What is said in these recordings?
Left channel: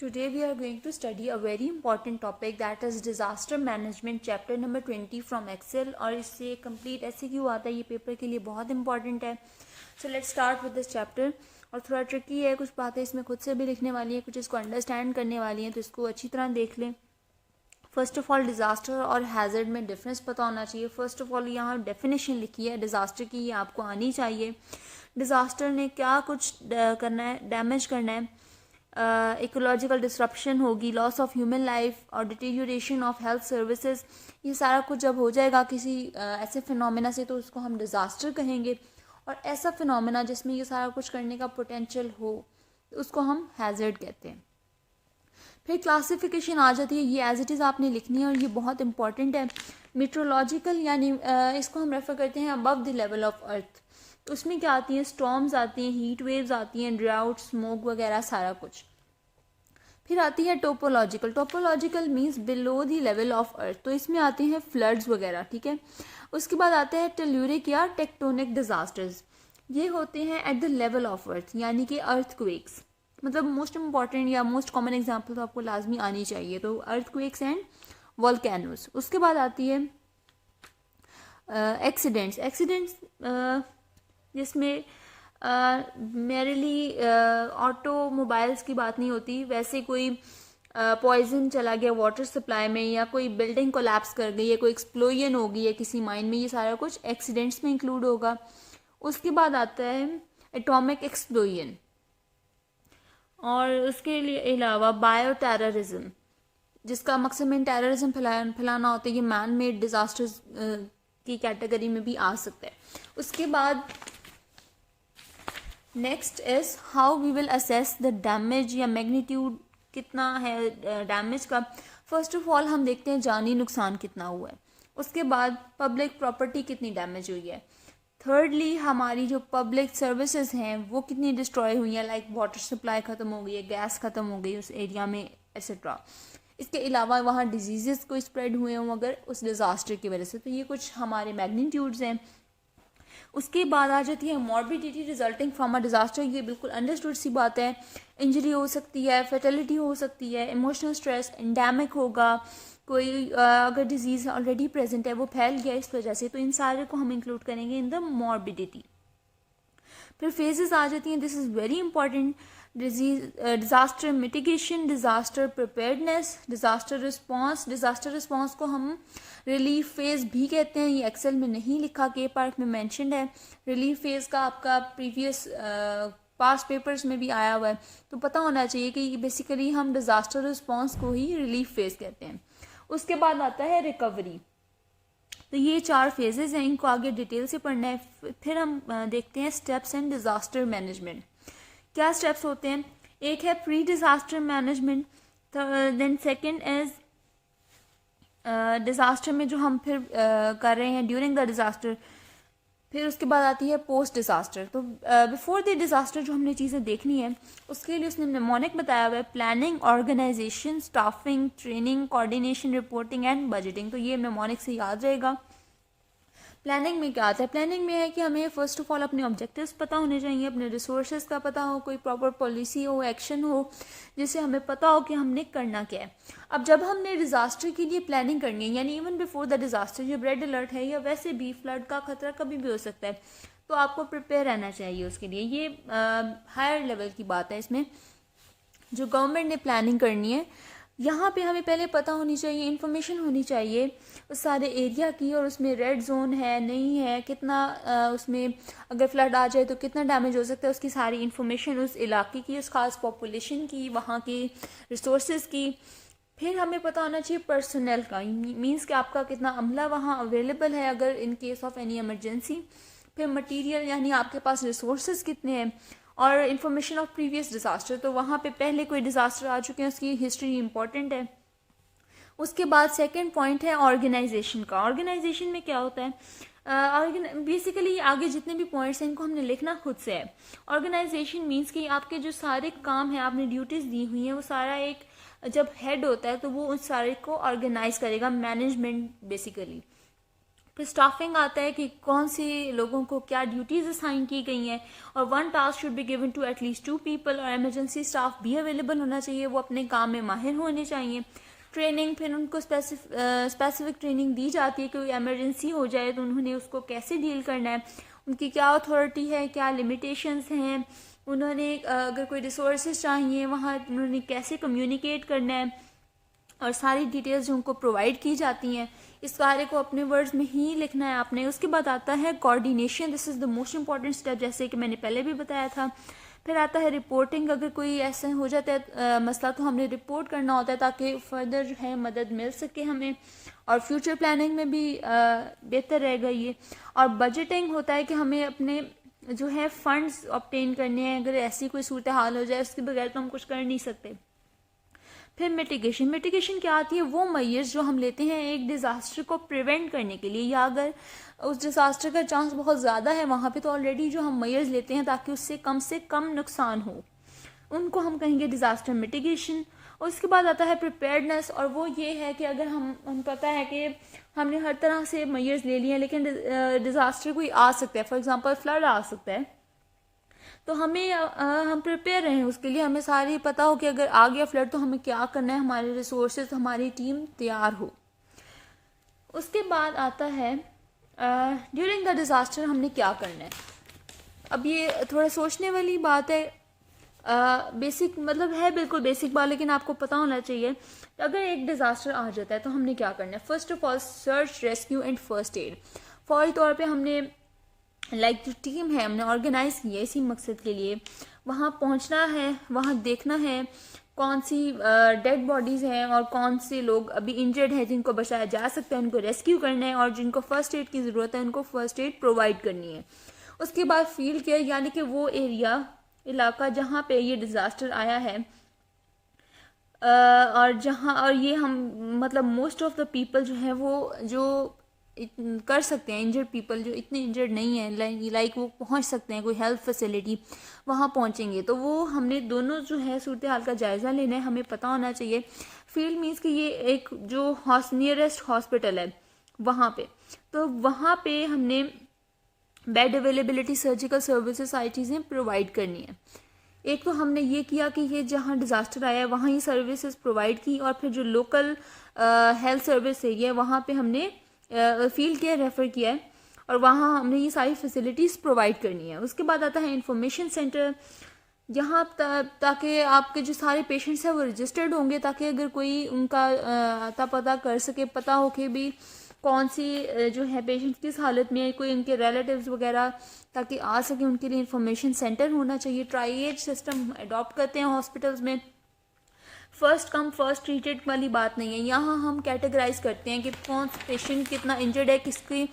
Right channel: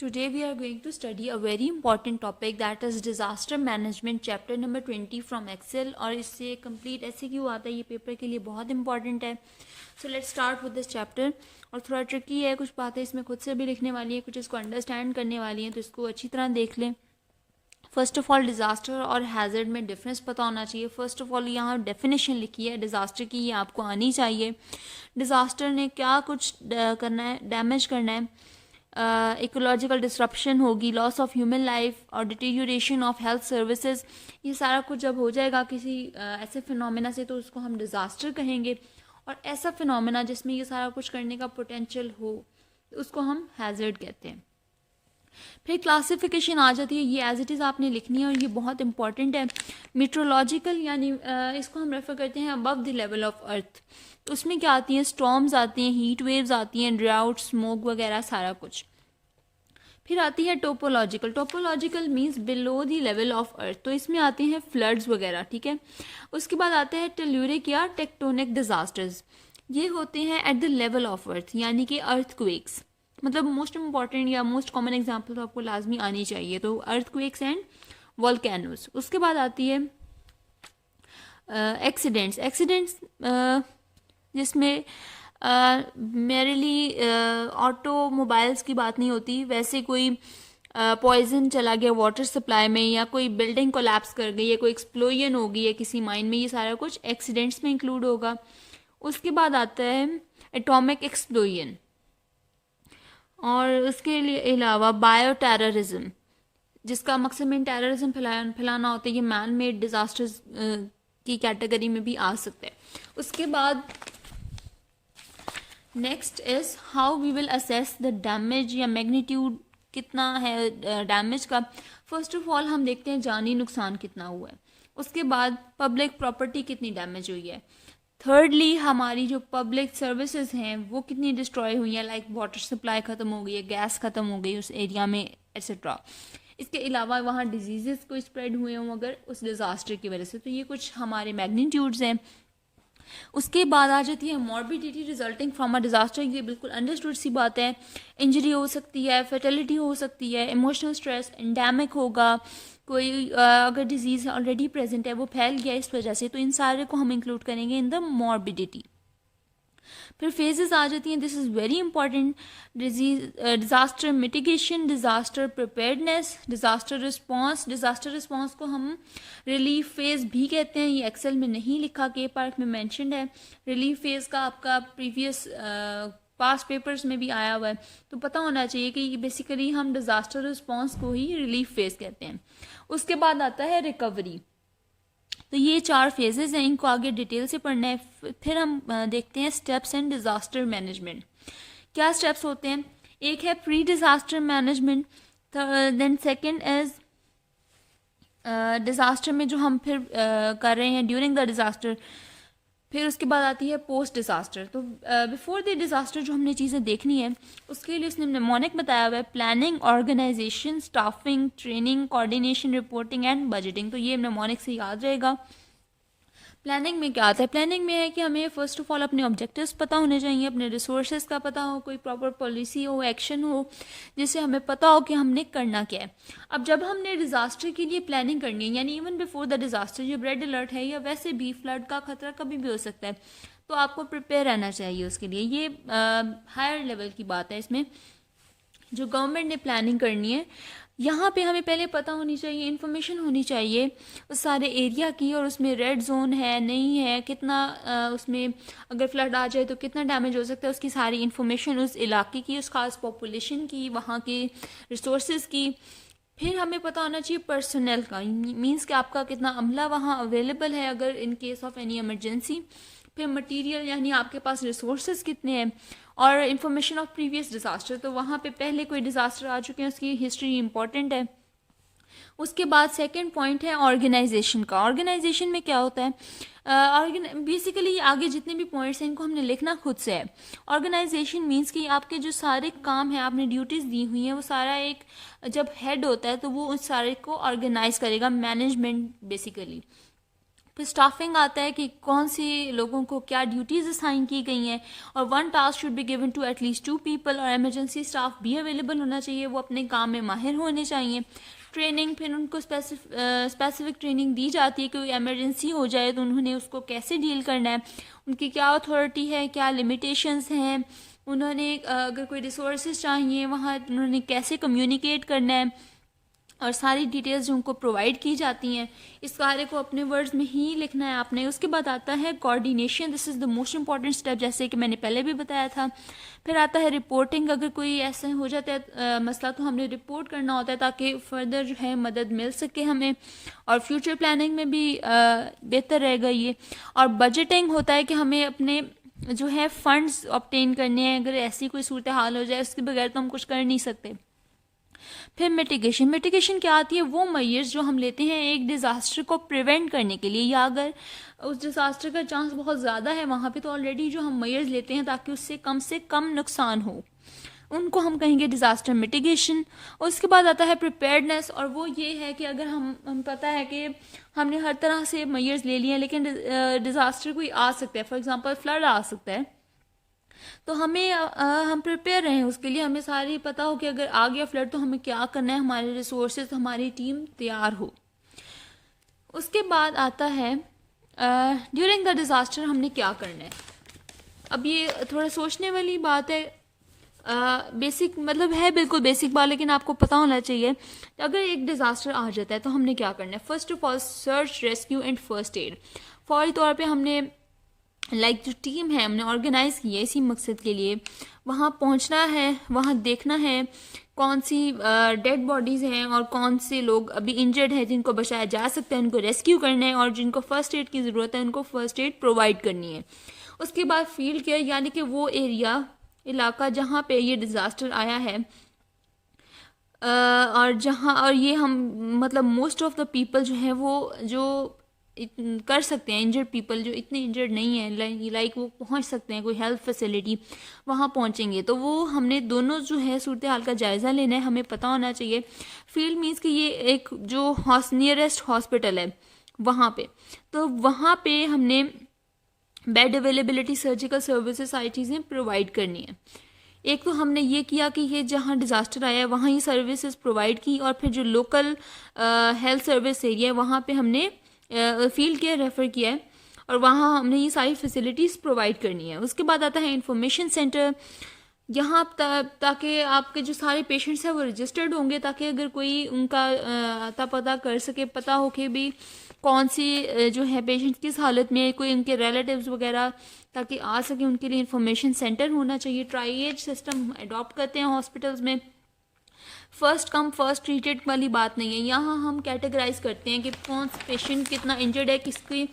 Today we are going to study a very important topic, that is disaster management, chapter number 20 from Excel। और इससे complete ऐसे क्यों आता है, ये पेपर के लिए बहुत इंपॉर्टेंट है। So let's start with this chapter. और थोड़ा ट्रिकी है, कुछ बातें इसमें खुद से भी लिखने वाली है, कुछ उसको अंडरस्टैंड करने वाली हैं, तो इसको अच्छी तरह देख लें। फर्स्ट ऑफ ऑल डिज़ास्टर और हैज़र्ड में डिफरेंस पता होना चाहिए। फर्स्ट ऑफ ऑल यहाँ डेफिनेशन लिखी है डिज़ास्टर की, ये आपको आनी चाहिए। डिज़ास्टर ने क्या कुछ करना है, डैमेज करना है, इकोलॉजिकल डिसरप्शन होगी, लॉस ऑफ ह्यूमन लाइफ और डिटीरियोरेशन ऑफ हेल्थ सर्विसेज। ये सारा कुछ जब हो जाएगा किसी ऐसे फिनोमेना से, तो उसको हम डिज़ास्टर कहेंगे। और ऐसा फिनोमेना जिसमें ये सारा कुछ करने का पोटेंशियल हो, उसको हम हैज़र्ड कहते हैं। फिर क्लासिफिकेशन आ जाती है, ये एज इट इज़ आपने लिखनी है और ये बहुत इंपॉर्टेंट है। मीट्रोलॉजिकल यानी इसको हम रेफर करते हैं above the level of earth. तो उसमें क्या आती हैं, स्टॉर्म्स आती हैं, हीट वेव्स आती हैं, ड्राउट, स्मोक वगैरह सारा कुछ। फिर आती है topological. Topological means below the level of earth, तो इसमें आते हैं फ्लड्स वगैरह, ठीक है। उसके बाद आते हैं टेल्यूरिक या टेक्टोनिक डिजास्टर्स, ये होते हैं at the level of earth, यानी कि अर्थक्वेक्स। मतलब मोस्ट इंपॉर्टेंट या मोस्ट कॉमन एग्जाम्पल तो आपको लाजमी आनी चाहिए, तो अर्थक्वेक्स एंड वॉल्केनोस। उसके बाद आती है एक्सीडेंट्स। एक्सीडेंट्स जिसमें मेरली ऑटोमोबाइल्स की बात नहीं होती, वैसे कोई पॉइजन चला गया वाटर सप्लाई में, या कोई बिल्डिंग कोलैप्स कर गई, या कोई एक्सप्लोजन हो गई है किसी माइन में, ये सारा कुछ एक्सीडेंट्स में इंक्लूड होगा। उसके बाद आता है एटॉमिक एक्सप्लोजन, और उसके लिए अलावा बायो टेररिज्म, जिसका मकसद में टेररिज्म फैलाना होता है, ये मैन मेड डिजास्टर्स की कैटेगरी में भी आ सकता है। उसके बाद next is how we will assess the damage या मैग्नीट्यूड कितना है डैमेज का। फर्स्ट ऑफ ऑल हम देखते हैं जानी नुकसान कितना हुआ है। उसके बाद पब्लिक प्रॉपर्टी कितनी डैमेज हुई है। थर्डली हमारी जो पब्लिक सर्विसेज हैं वो कितनी डिस्ट्रॉय हुई हैं, लाइक वाटर सप्लाई ख़त्म हो गई है, गैस ख़त्म हो गई उस एरिया में, एट्सेट्रा। इसके अलावा वहाँ डिजीज़ कोई स्प्रेड हुए हों अगर उस डिज़ास्टर की वजह से, तो ये कुछ हमारे मैग्नीट्यूड्स हैं। उसके बाद आ जाती है morbidity resulting from a disaster, ये बिल्कुल अंडरस्टूड सी बात है। इंजरी हो सकती है, फर्टिलिटी हो सकती है, इमोशनल स्ट्रेस, एंडेमिक होगा, कोई अगर डिजीज़ ऑलरेडी प्रेजेंट है वो फैल गया इस वजह से, तो इन सारे को हम इंक्लूड करेंगे इन द मॉर्बिडिटी। फिर फेजेस आ जाती हैं, this is very important. Disaster mitigation, disaster preparedness, disaster response. Disaster response को हम रिलीफ फेज भी कहते हैं, ये एक्सेल में नहीं लिखा, के पार्ट में मैंशनड है। रिलीफ फेज का आपका प्रीवियस पास्ट पेपर्स में भी आया हुआ है, तो पता होना चाहिए कि बेसिकली हम डिज़ास्टर रिस्पॉन्स को ही रिलीफ फेज कहते हैं। उसके बाद आता है रिकवरी। तो ये 4 फेजेस हैं, इनको आगे डिटेल से पढ़ना है। फिर हम देखते हैं स्टेप्स इन डिज़ास्टर मैनेजमेंट। क्या स्टेप्स होते हैं, एक है pre disaster management, then second is disaster में जो हम फिर कर रहे हैं ड्यूरिंग द डिज़ास्टर। फिर उसके बाद आती है पोस्ट डिज़ास्टर। तो बिफोर द डिज़ास्टर जो हमने चीज़ें देखनी है, उसके लिए उसने निमोनिक बताया हुआ है planning, organisation, staffing, training, coordination, reporting and budgeting. तो ये निमोनिक से याद रहेगा। प्लानिंग में क्या आता है, प्लानिंग में है कि हमें फर्स्ट ऑफ ऑल अपने ऑब्जेक्टिव्स पता होने चाहिए, अपने रिसोर्सेज का पता हो, कोई प्रॉपर पॉलिसी हो, एक्शन हो, जिससे हमें पता हो कि हमने करना क्या है। अब जब हमने डिज़ास्टर के लिए प्लानिंग करनी है, यानी इवन बिफोर द डिज़ास्टर, जब रेड अलर्ट है या वैसे भी फ्लड का खतरा कभी भी हो सकता है, तो आपको प्रिपेयर रहना चाहिए उसके लिए। ये हायर लेवल की बात है, इसमें जो गवर्नमेंट ने प्लानिंग करनी है, यहाँ पे हमें पहले पता होनी चाहिए, इन्फॉर्मेशन होनी चाहिए उस सारे एरिया की, और उसमें रेड जोन है नहीं है, कितना उसमें अगर फ्लड आ जाए तो कितना डैमेज हो सकता है, उसकी सारी इन्फॉर्मेशन उस इलाके की, उस खास पॉपुलेशन की, वहाँ के रिसोर्सेज की। फिर हमें पता होना चाहिए पर्सनल का, मीन्स कि आपका कितना अमला वहाँ अवेलेबल है अगर in case of any emergency. फिर मटीरियल यानी आपके पास रिसोर्सेज कितने हैं, और इन्फॉर्मेशन ऑफ प्रीवियस डिज़ास्टर, तो वहाँ पे पहले कोई डिज़ास्टर आ चुके हैं उसकी हिस्ट्री इंपॉर्टेंट है। उसके बाद सेकंड पॉइंट है ऑर्गेनाइजेशन का। ऑर्गेनाइजेशन में क्या होता है, बेसिकली आगे जितने भी पॉइंट्स हैं इनको हमने लिखना खुद से है। ऑर्गेनाइजेशन मीन्स कि आपके जो सारे काम हैं, आपने ड्यूटीज़ दी हुई हैं, वो सारा एक जब हेड होता है तो वो उस सारे को ऑर्गेनाइज करेगा, मैनेजमेंट बेसिकली। फिर स्टाफिंग आता है कि कौन से लोगों को क्या ड्यूटीज़ असाइन की गई हैं, और one task should be given to at least 2 people, और इमरजेंसी स्टाफ भी अवेलेबल होना चाहिए, वो अपने काम में माहिर होने चाहिए। ट्रेनिंग, फिर उनको स्पेसिफिक ट्रेनिंग दी जाती है कि कोई इमरजेंसी हो जाए तो उन्होंने उसको कैसे डील करना है, उनकी क्या अथॉरिटी है, क्या लिमिटेशंस हैं, उन्होंने अगर कोई रिसोर्सेज चाहिए वहाँ उन्होंने कैसे कम्युनिकेट करना है, और सारी डिटेल्स जो उनको प्रोवाइड की जाती हैं। इस सारे को अपने वर्ड्स में ही लिखना है आपने। उसके बाद आता है coordination, this is the most important step, जैसे कि मैंने पहले भी बताया था। फिर आता है रिपोर्टिंग, अगर कोई ऐसे हो जाता है मसला तो हमने रिपोर्ट करना होता है ताकि फर्दर जो है मदद मिल सके हमें, और फ्यूचर प्लानिंग में भी बेहतर रहेगा ये। और बजटिंग होता है कि हमें अपने जो है फंड्स ऑब्टेन करने हैं, अगर ऐसी कोई सूरत हाल हो जाए उसके बगैर तो हम कुछ कर नहीं सकते। फिर मिटिगेशन, मिटिगेशन क्या आती है, वो मेजर्स जो हम लेते हैं एक डिज़ास्टर को प्रिवेंट करने के लिए, या अगर उस डिज़ास्टर का चांस बहुत ज़्यादा है वहाँ पे तो ऑलरेडी जो हम मेजर्स लेते हैं ताकि उससे कम नुकसान हो, उनको हम कहेंगे डिज़ास्टर मिटिगेशन। उसके बाद आता है प्रिपेयर्डनेस, और वो ये है कि अगर हम पता है कि हमने हर तरह से मेजर्स ले लिए हैं लेकिन डिज़ास्टर कोई आ सकता है, फॉर एग्जांपल फ्लड आ सकता है, तो हमें हम प्रिपेयर रहें उसके लिए, हमें सारी पता हो कि अगर आ गया फ्लड तो हमें क्या करना है, हमारे रिसोर्सेज, हमारी टीम तैयार हो। उसके बाद आता है ड्यूरिंग द डिज़ास्टर हमने क्या करना है। अब ये थोड़ा सोचने वाली बात है, बेसिक मतलब है बिल्कुल बेसिक बात, लेकिन आपको पता होना चाहिए कि अगर एक डिज़ास्टर आ जाता है तो हमने क्या करना है। First of all search, rescue and first aid. फौरी तौर पे हमने जो टीम है हमने ऑर्गेनाइज की है इसी मकसद के लिए, वहाँ पहुँचना है, वहाँ देखना है कौन सी डेड बॉडीज़ हैं और कौन से लोग अभी इंजर्ड हैं जिनको बचाया जा सकता है, उनको रेस्क्यू करना है, और जिनको फर्स्ट एड की ज़रूरत है उनको फर्स्ट एड प्रोवाइड करनी है। उसके बाद फील्ड केयर, यानी कि वो इलाका जहाँ पे ये डिज़ास्टर आया है, और ये हम मतलब मोस्ट ऑफ द पीपल जो है वो जो कर सकते हैं, इंजर्ड पीपल जो इतने इंजर्ड नहीं है लाइक वो पहुंच सकते हैं कोई हेल्थ फैसिलिटी, वहाँ पहुंचेंगे तो वो हमने दोनों जो है सूरत हाल का जायज़ा लेना है, हमें पता होना चाहिए। फील्ड मीन्स कि ये एक जो नियरेस्ट हॉस्पिटल है वहाँ पे, तो वहाँ पे हमने बेड अवेलेबिलिटी, सर्जिकल सर्विसेज, सारी चीज़ें प्रोवाइड करनी है। एक तो हमने ये किया कि ये जहाँ डिज़ास्टर आया है वहाँ ये सर्विसेज प्रोवाइड की, और फिर जो लोकल हेल्थ सर्विस एरिया है वहाँ पे हमने फील्ड केयर रेफ़र किया है, और वहाँ हमने ये सारी फैसिलिटीज़ प्रोवाइड करनी है। उसके बाद आता है इंफॉर्मेशन सेंटर, यहाँ ताकि आपके जो सारे पेशेंट्स हैं वो रजिस्टर्ड होंगे, ताकि अगर कोई उनका अता पता कर सके, पता हो कि भी कौन सी जो है पेशेंट किस हालत में, कोई उनके रिलेटिव्स वगैरह ताकि आ सके, उनके लिए इंफॉर्मेशन सेंटर होना चाहिए। ट्राइएज सिस्टम अडॉप्ट करते हैं हॉस्पिटल्स में, फर्स्ट कम फर्स्ट ट्रीटेड वाली बात नहीं है। यहाँ हम कैटेगराइज करते हैं कि कौन सा पेशेंट कितना इंजर्ड है, किसकी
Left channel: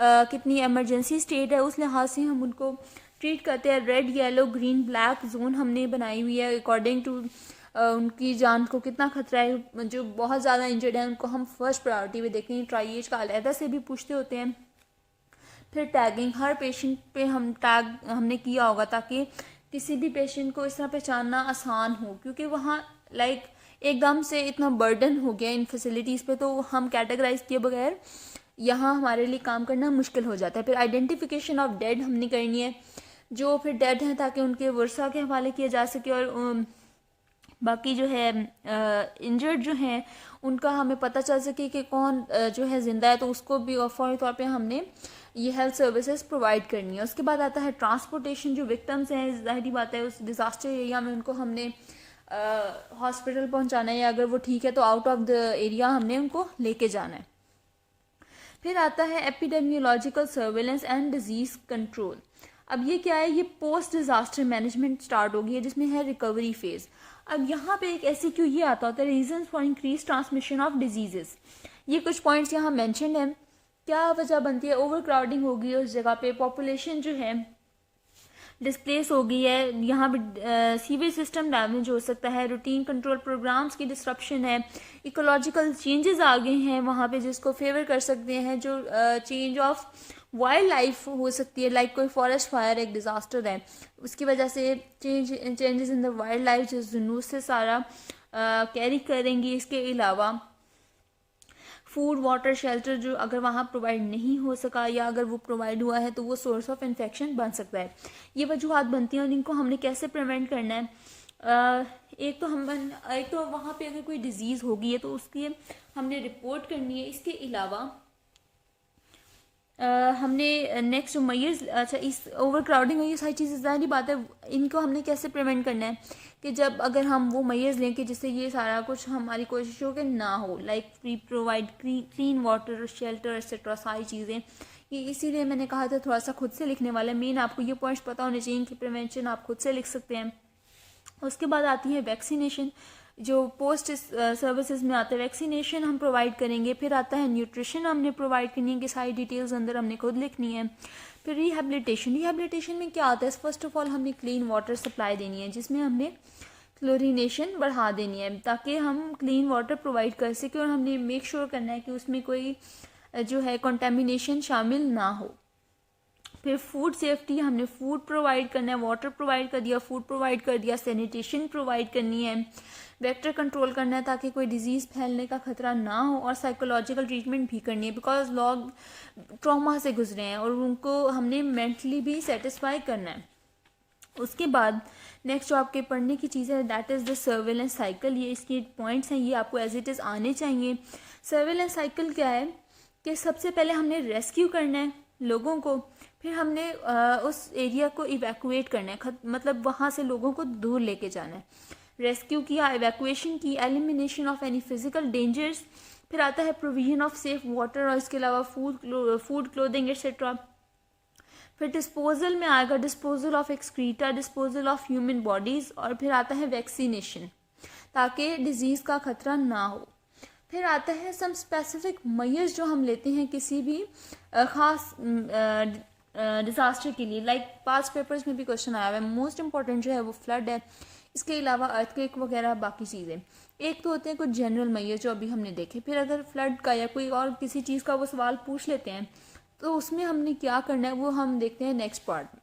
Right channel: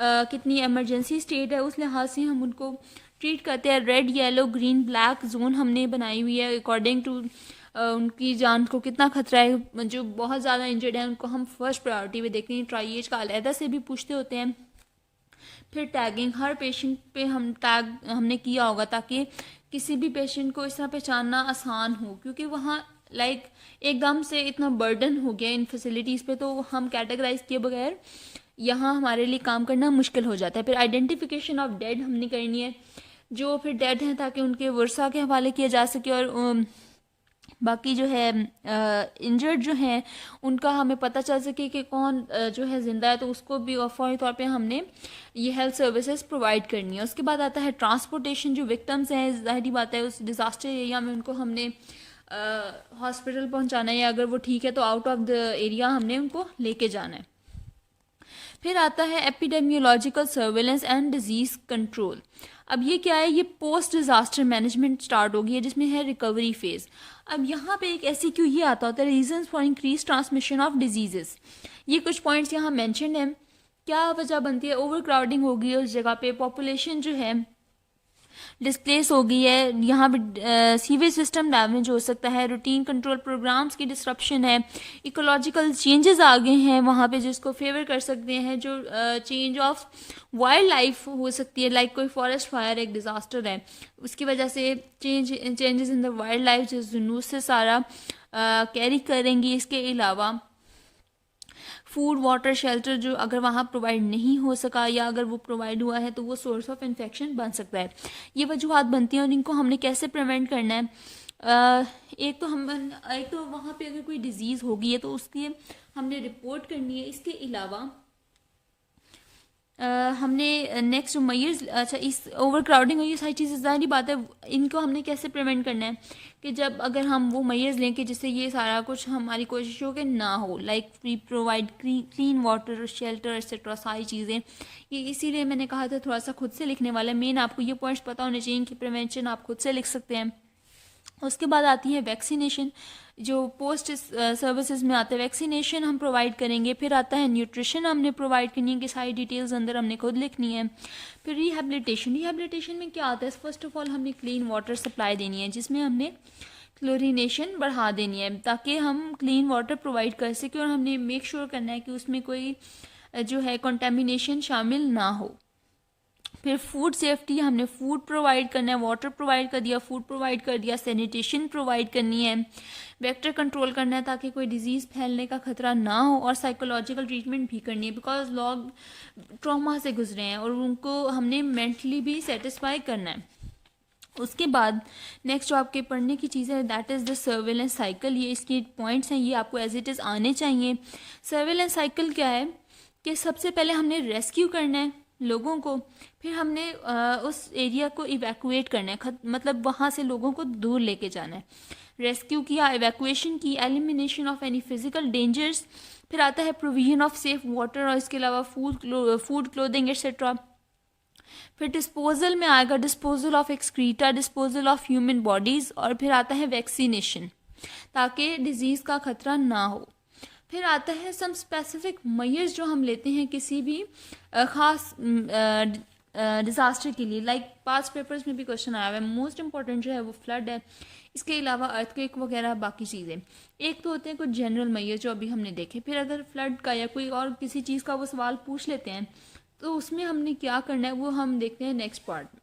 कितनी इमरजेंसी स्टेट है, उस लिहाज से हम उनको ट्रीट करते हैं। Red, yellow, green, black zone हमने बनाई हुई है अकॉर्डिंग टू उनकी जान को कितना खतरा है। जो बहुत ज़्यादा इंजर्ड है उनको हम फर्स्ट प्रायोरिटी पे देखते हैं, ट्राइएज का अलहदा से भी पूछते होते हैं। फिर टैगिंग, हर पेशेंट पे हम टैग हमने किया होगा ताकि किसी भी पेशेंट को इस तरह पहचानना आसान हो, क्योंकि वहाँ एकदम से इतना बर्डन हो गया इन फैसिलिटीज़ पे, तो हम कैटेगराइज किए बगैर यहाँ हमारे लिए काम करना मुश्किल हो जाता है। फिर आइडेंटिफिकेशन ऑफ डेड हमने करनी है, जो फिर डेड हैं ताकि उनके वर्सा के हवाले किया जा सके, और बाकी जो है इंजर्ड जो हैं उनका हमें पता चल सके कि कौन जो है ज़िंदा है, तो उसको भी फौरी तौर पे हमने ये हेल्थ सर्विसेज प्रोवाइड करनी है। उसके बाद आता है ट्रांसपोर्टेशन, जो विक्टिम्स हैं ज़ाहिर बात है उस डिज़ास्टर एरिया में उनको हमने हॉस्पिटल पहुंचाना है, या अगर वो ठीक है तो आउट ऑफ द एरिया हमने उनको लेके जाना है। फिर आता है epidemiological surveillance and disease control. अब ये क्या है, ये पोस्ट डिज़ास्टर मैनेजमेंट स्टार्ट होगी है जिसमें है रिकवरी फेज़। अब यहाँ पे एक ऐसी क्यों ये आता होता है, reasons for increase transmission of diseases. ये कुछ पॉइंट्स यहाँ मेंशन है, क्या वजह बनती है, ओवर क्राउडिंग होगी उस जगह पे, पॉपुलेशन जो है डिस्प्लेस हो गई है, यहाँ पे सीवेज सिस्टम डैमेज हो सकता है, रूटीन कंट्रोल प्रोग्राम्स की डिस्ट्रप्शन है, इकोलॉजिकल चेंजेस आ गए हैं वहाँ पे जिसको फेवर कर सकते हैं, जो चेंज ऑफ वाइल्ड लाइफ हो सकती है, लाइक कोई फॉरेस्ट फायर एक डिज़ास्टर है उसकी वजह से changes in the wild life जो जूनूस से सारा कैरी करेंगी। इसके अलावा फूड वाटर शेल्टर जो अगर वहाँ प्रोवाइड नहीं हो सका या अगर वो प्रोवाइड हुआ है तो वो सोर्स ऑफ इन्फेक्शन बन सकता है। ये वजूहत बनती हैं और इनको हमने कैसे प्रिवेंट करना है। एक तो वहाँ पे अगर कोई डिजीज़ होगी है तो उसकी हमने रिपोर्ट करनी है। इसके अलावा हमने नेक्स्ट जो मयर्स, अच्छा इस ओवर क्राउडिंग और ये सारी चीज़ें ज़ाहिर बात है, इनको हमने कैसे प्रिवेंट करना है कि जब अगर हम वो मयर्स लें कि जिससे ये सारा कुछ हमारी कोशिश हो कि ना हो, like we provide clean water, shelter etcetera सारी चीज़ें। ये इसीलिए मैंने कहा था थोड़ा सा खुद से लिखने वाला है। मेन आपको ये पॉइंट्स पता होने चाहिए कि प्रिवेंशन आप खुद से लिख सकते हैं। उसके बाद आती है वैक्सीनेशन, जो पोस्ट सर्विसेज में आता है। वैक्सीनेशन हम प्रोवाइड करेंगे। फिर आता है न्यूट्रिशन हमने प्रोवाइड करनी है कि सारी डिटेल्स अंदर हमने खुद लिखनी है। फिर रिहेबिलिटेशन में क्या आता है, फर्स्ट ऑफ ऑल हमने क्लीन वाटर सप्लाई देनी है जिसमें हमने क्लोरीनेशन बढ़ा देनी है ताकि हम क्लीन वाटर प्रोवाइड कर सकें, और हमने मेक श्योर करना है कि उसमें कोई जो है कंटामिनेशन शामिल ना हो। फिर फूड सेफ्टी, हमने फूड प्रोवाइड करना है, वाटर प्रोवाइड कर दिया, फूड प्रोवाइड कर दिया, सैनिटेशन प्रोवाइड करनी है, वेक्टर कंट्रोल करना है ताकि कोई डिजीज़ फैलने का खतरा ना हो, और साइकोलॉजिकल ट्रीटमेंट भी करनी है बिकॉज लोग ट्रॉमा से गुजरे हैं और उनको हमने मेंटली भी सेटिस्फाई करना है। उसके बाद नेक्स्ट जो आपके पढ़ने की चीज़ है that is the surveillance cycle. ये इसके पॉइंट्स हैं, ये आपको एज इट इज़ आने चाहिए। सर्वेलेंस साइकिल क्या है कि सबसे पहले हमने रेस्क्यू करना है लोगों को, फिर हमने उस एरिया को इवैक्यूएट करना है, मतलब वहाँ से लोगों को दूर लेके जाना है। रेस्क्यू किया, इवैक्यूएशन की, elimination of any physical dangers, फिर आता है प्रोविजन ऑफ सेफ वाटर और इसके अलावा फूड क्लोथिंग एक्सेट्रा। फिर डिस्पोजल में आएगा disposal of excreta, disposal of human bodies, और फिर आता है वैक्सीनेशन ताकि डिजीज़ का खतरा ना हो। फिर आता है सम स्पेसिफिक मेजर्स जो हम लेते हैं किसी भी ख़ास डिज़ास्टर के लिए, लाइक पास्ट पेपर्स में भी क्वेश्चन आया हुआ है। मोस्ट इंपॉर्टेंट जो है वो फ्लड है, इसके अलावा अर्थक्वेक वगैरह बाकी चीज़ें। एक तो होते हैं कुछ जनरल मेजर जो अभी हमने देखे, फिर अगर फ्लड का या कोई और किसी चीज़ का वो सवाल पूछ लेते हैं तो उसमें हमने क्या करना है वो हम देखते हैं नेक्स्ट पार्ट में।